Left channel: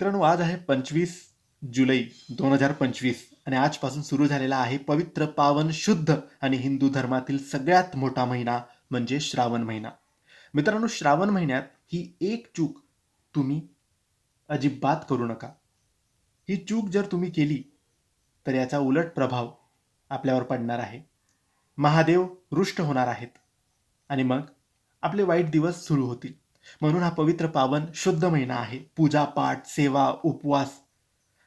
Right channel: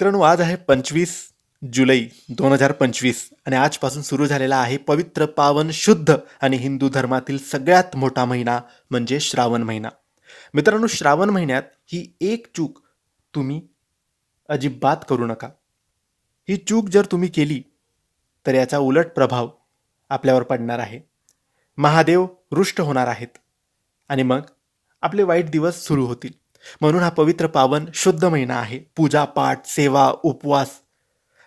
मित्रांनो, आज आहे 25 जुलै 2025 आणि आजपासून सुरू झालेला आहे पवित्र, पावन, शुद्ध आणि हिंदू धर्मातील सगळ्यात मोठा महिना म्हणजे श्रावण महिना. मित्रांनो, श्रावण महिन्यात ही एक चूक तुम्ही अजिबात करू नका. ही चूक जर तुम्ही केली, तर याचा उलट प्रभाव आपल्यावर पडणार आहे. महादेव रुष्ट होणार आहेत आणि मग आपले वाईट दिवस सुरू होतील. म्हणून हा पवित्र, पावन, शुद्ध महिना आहे. पूजा पाठ, सेवा, उपवास,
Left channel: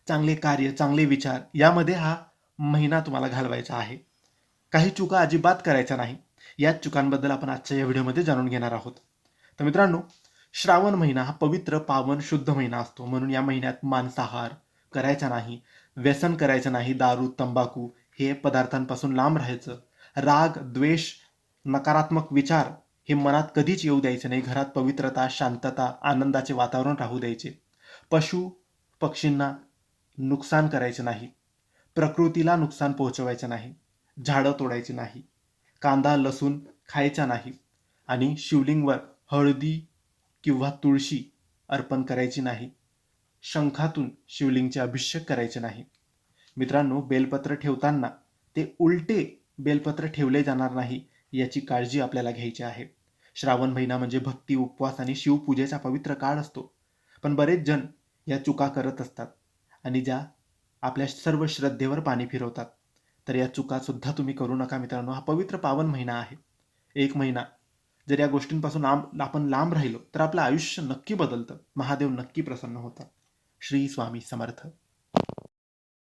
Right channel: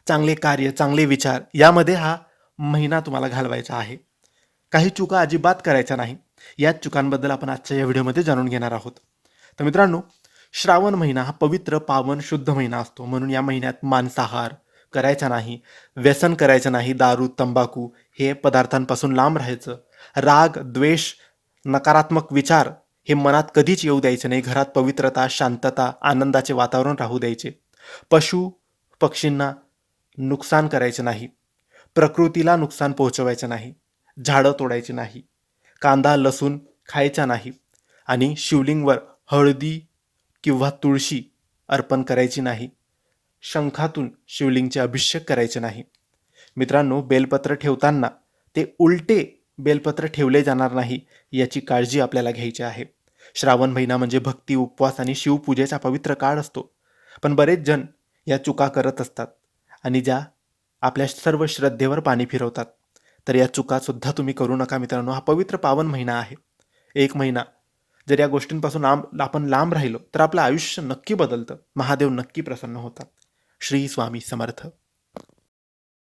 चांगले कार्य, चांगले विचार यामध्ये हा महिना तुम्हाला घालवायचा आहे. काही चुका अजिबात करायच्या नाही. याच चुकांबद्दल आपण आजच्या या व्हिडिओमध्ये जाणून घेणार आहोत. तर मित्रांनो, श्रावण महिना हा पवित्र, पावन, शुद्ध महिना असतो. म्हणून या महिन्यात मांसाहार करायचा नाही, व्यसन करायचं नाही, दारू, तंबाखू हे पदार्थांपासून लांब राहायचं. राग, द्वेष, नकारात्मक विचार हे मनात कधीच येऊ द्यायचे नाही. घरात पवित्रता, शांतता, आनंदाचे वातावरण राहू द्यायचे. पशु पक्षींना नुकसान करायचे नाही. प्रकृतीला नुकसान पोहोचवायचं नाही. झाडं तोडायची नाही. कांदा, लसूण खायचा नाही आणि शिवलिंगवर हळदी किंवा तुळशी अर्पण करायची नाही. शंखातून शिवलिंगचे अभिषेक करायचे नाही. मित्रांनो, बेलपत्र ठेवताना ते उलटे बेलपत्र ठेवले जाणार नाही याची काळजी आपल्याला घ्यायची आहे. श्रावण महिना म्हणजे भक्ती, उपवास आणि शिवपूजेचा पवित्र काळ असतो. पण बरेच जण या चुका करत असतात आणि ज्या आपल्या सर्व श्रद्धेवर पाणी फिरवतात. तर या चुकासुद्धा तुम्ही करू नका मित्रांनो. हा पवित्र, पावन महिना आहे. एक महिना जर या गोष्टींपासून आपण लांब राहिलो तर आपलं आयुष्य नक्की बदलतं. महादेव नक्की प्रसन्न होतात. श्री स्वामी समर्थ.